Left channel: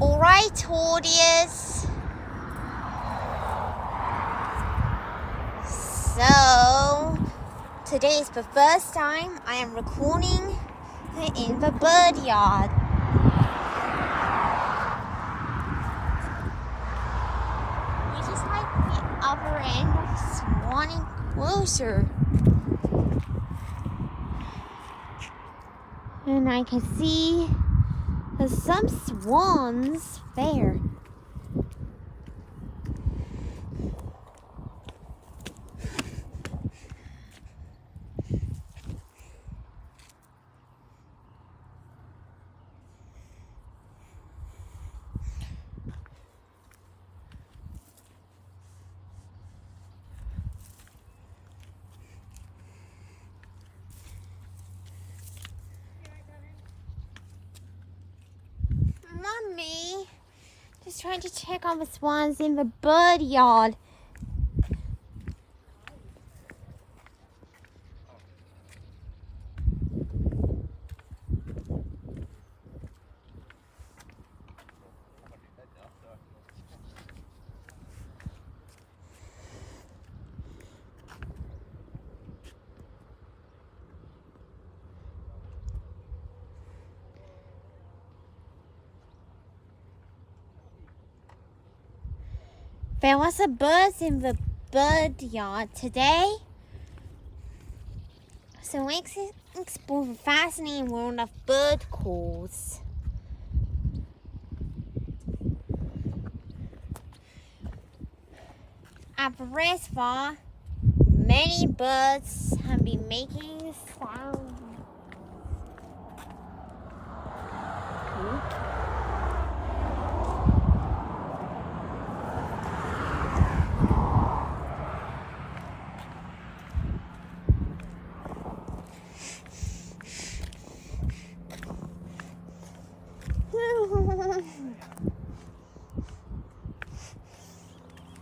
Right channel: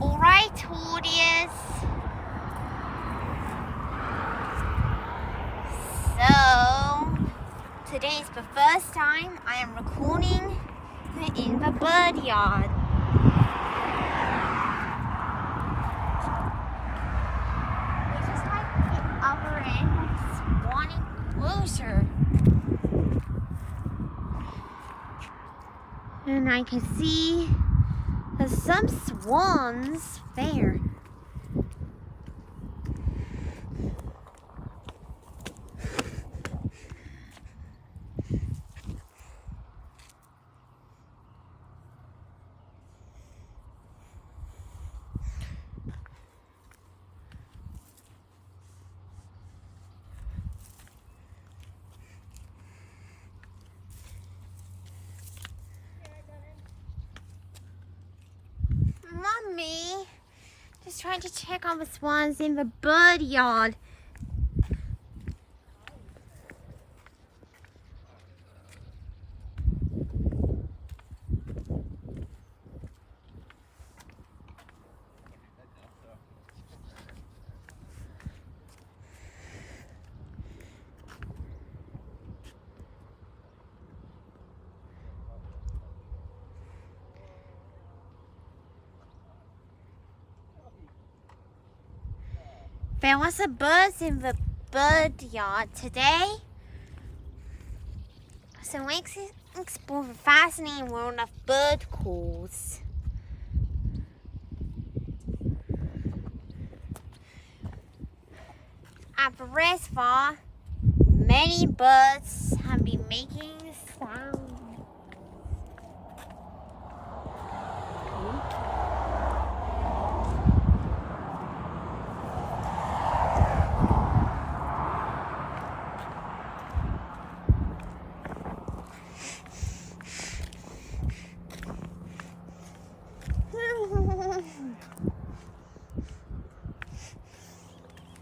Alright, audience. So, today is the first time I am recording in the bird yard. Which is like the other end of Swan Enclosure. And I can see there's some swans there. Mommy, just trying to check on the swans in the bird yard. There was a bird in the bird yard today. So let's explore the fascinating world of bird calls. At the reservoir, many birds have been making sounds.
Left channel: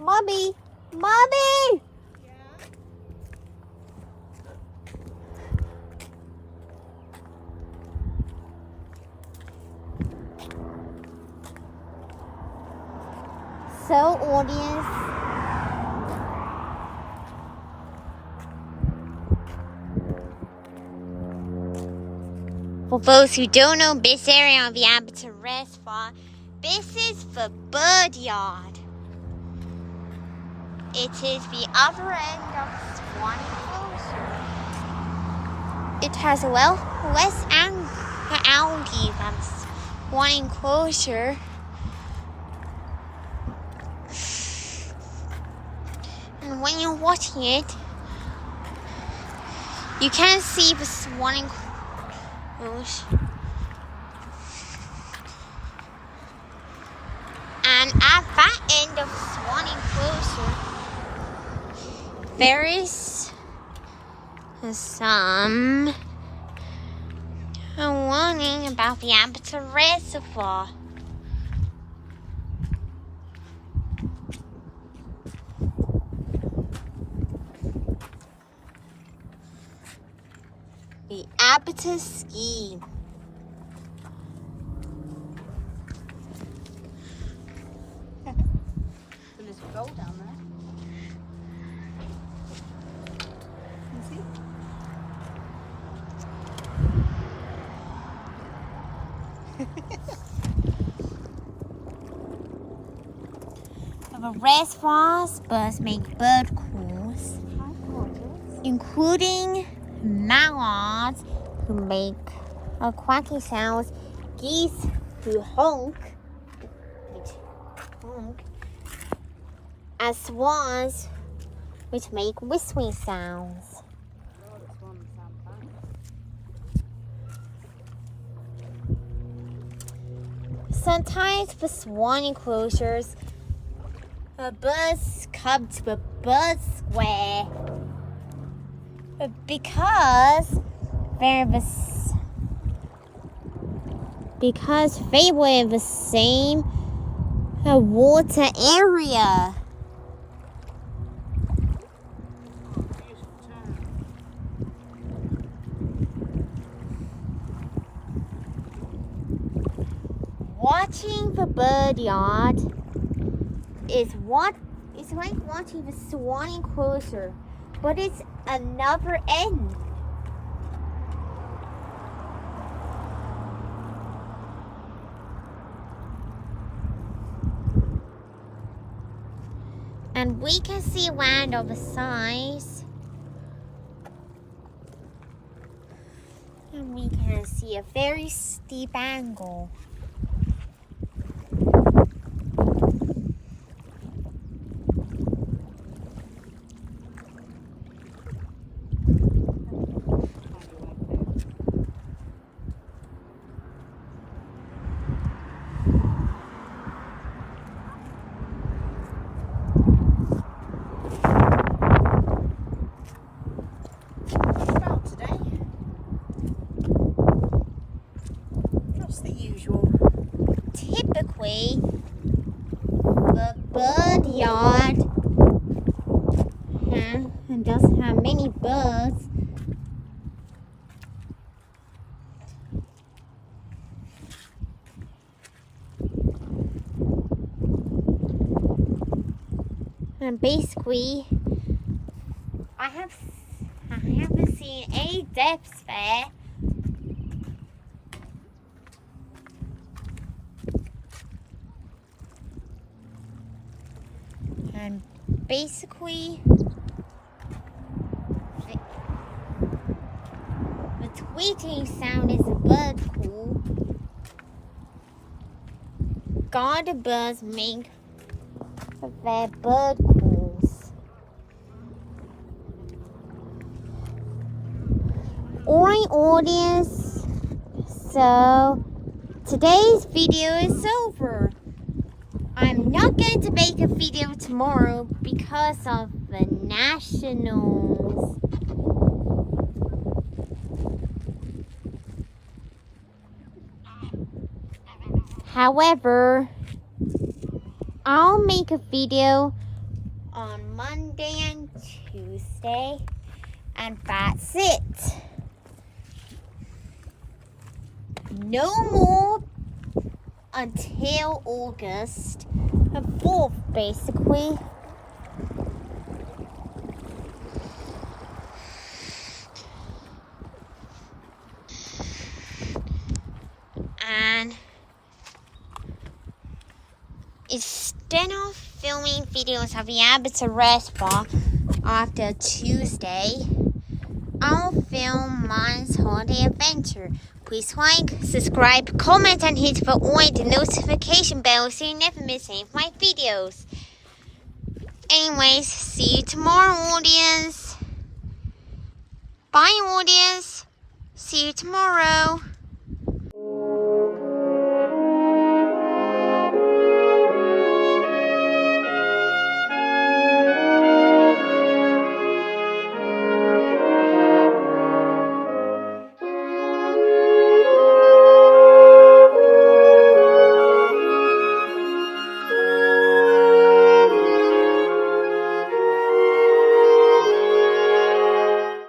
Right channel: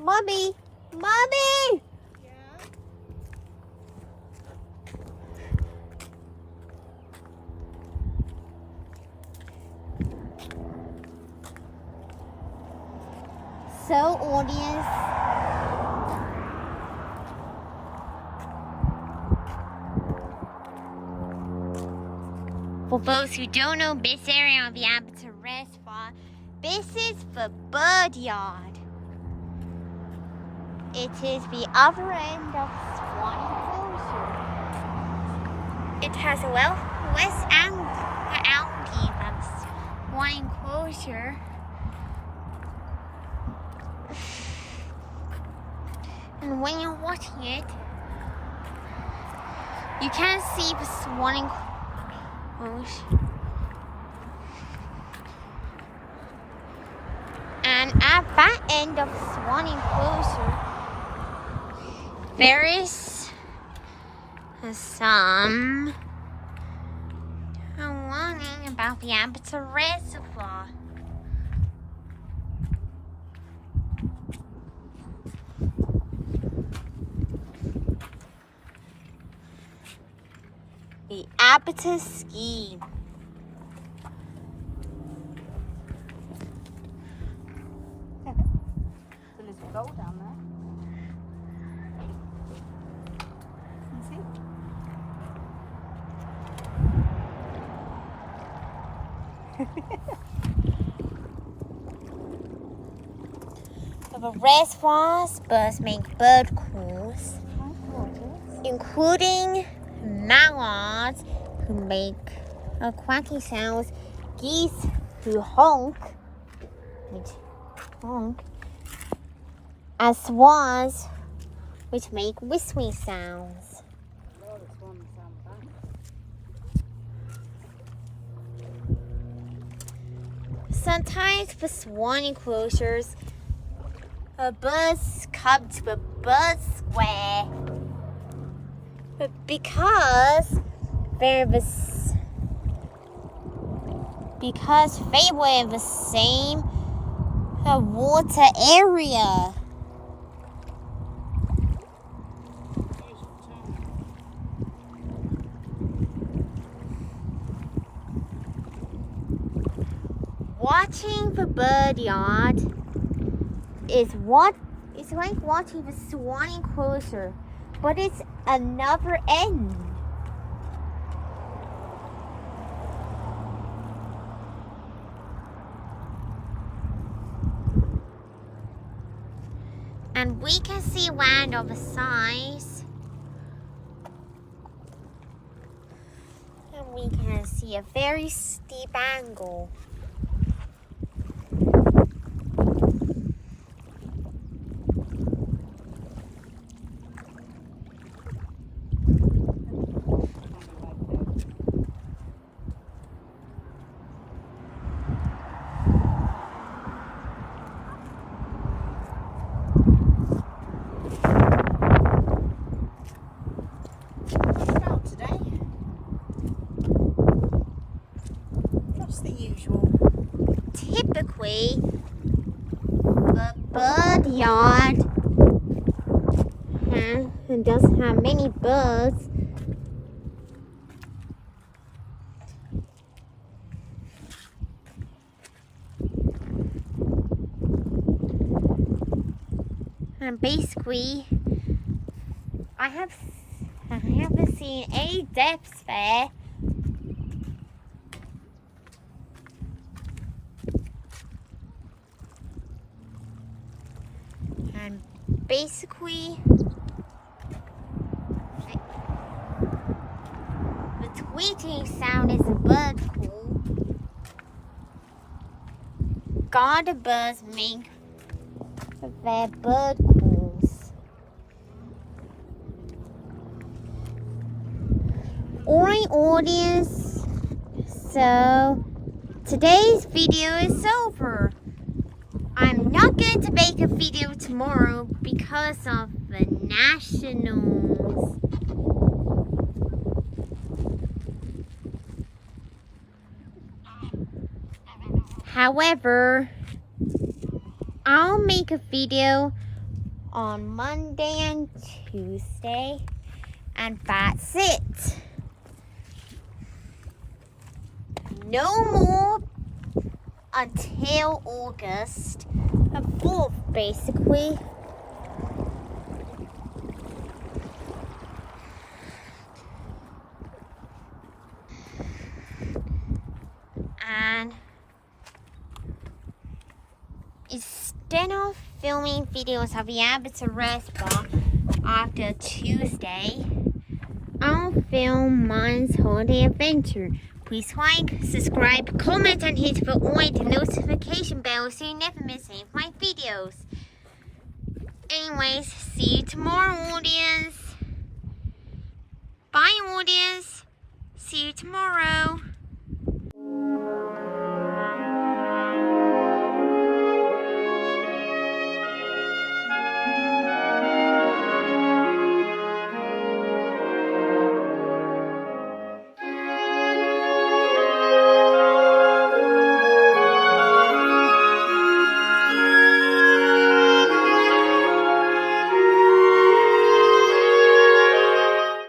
Mommy! Mommy! So, audience, for those who don't know this area of the Abbotsford Reservoir, this is the bird yard. It is the other end of Swan Enclosure. It has less algae than Swan Enclosure. And when you're watching it, you can see the Swan Enclosure. And at that end of Swan Enclosure, there is some warning about the Abbotsford Reservoir. The Abbotsford Scheme. There's a boat down there. The reservoirs birds make bird calls, including mallards who make quacky sounds, geese who honk, and swans which make whistling sounds. Sometimes the Swan Enclosures, birds come to the bird square because they were in the same water area. watching the bird yard is like watching the swanning closer, but it's another end. And we can see land on the sides. And we can see a very steep angle. Typically, the bird yard doesn't have many birds. And basically, I haven't seen any depths there. And basically, the tweeting sound is a bird call. Garter birds make their bird calls. Alright, audience, so today's video is over. I'm not going to make a video tomorrow because of the nationals. However, I'll make a video on Monday and Tuesday, and that's it. No more until August the 4th, basically. And instead of filming videos of the Abbott's restaurant after Tuesday, I'll film Mine's Holiday Adventure. Please like, subscribe, comment, and hit the notification bell so you never miss any of my videos. Anyways, see you tomorrow, audience. Bye, audience. See you tomorrow.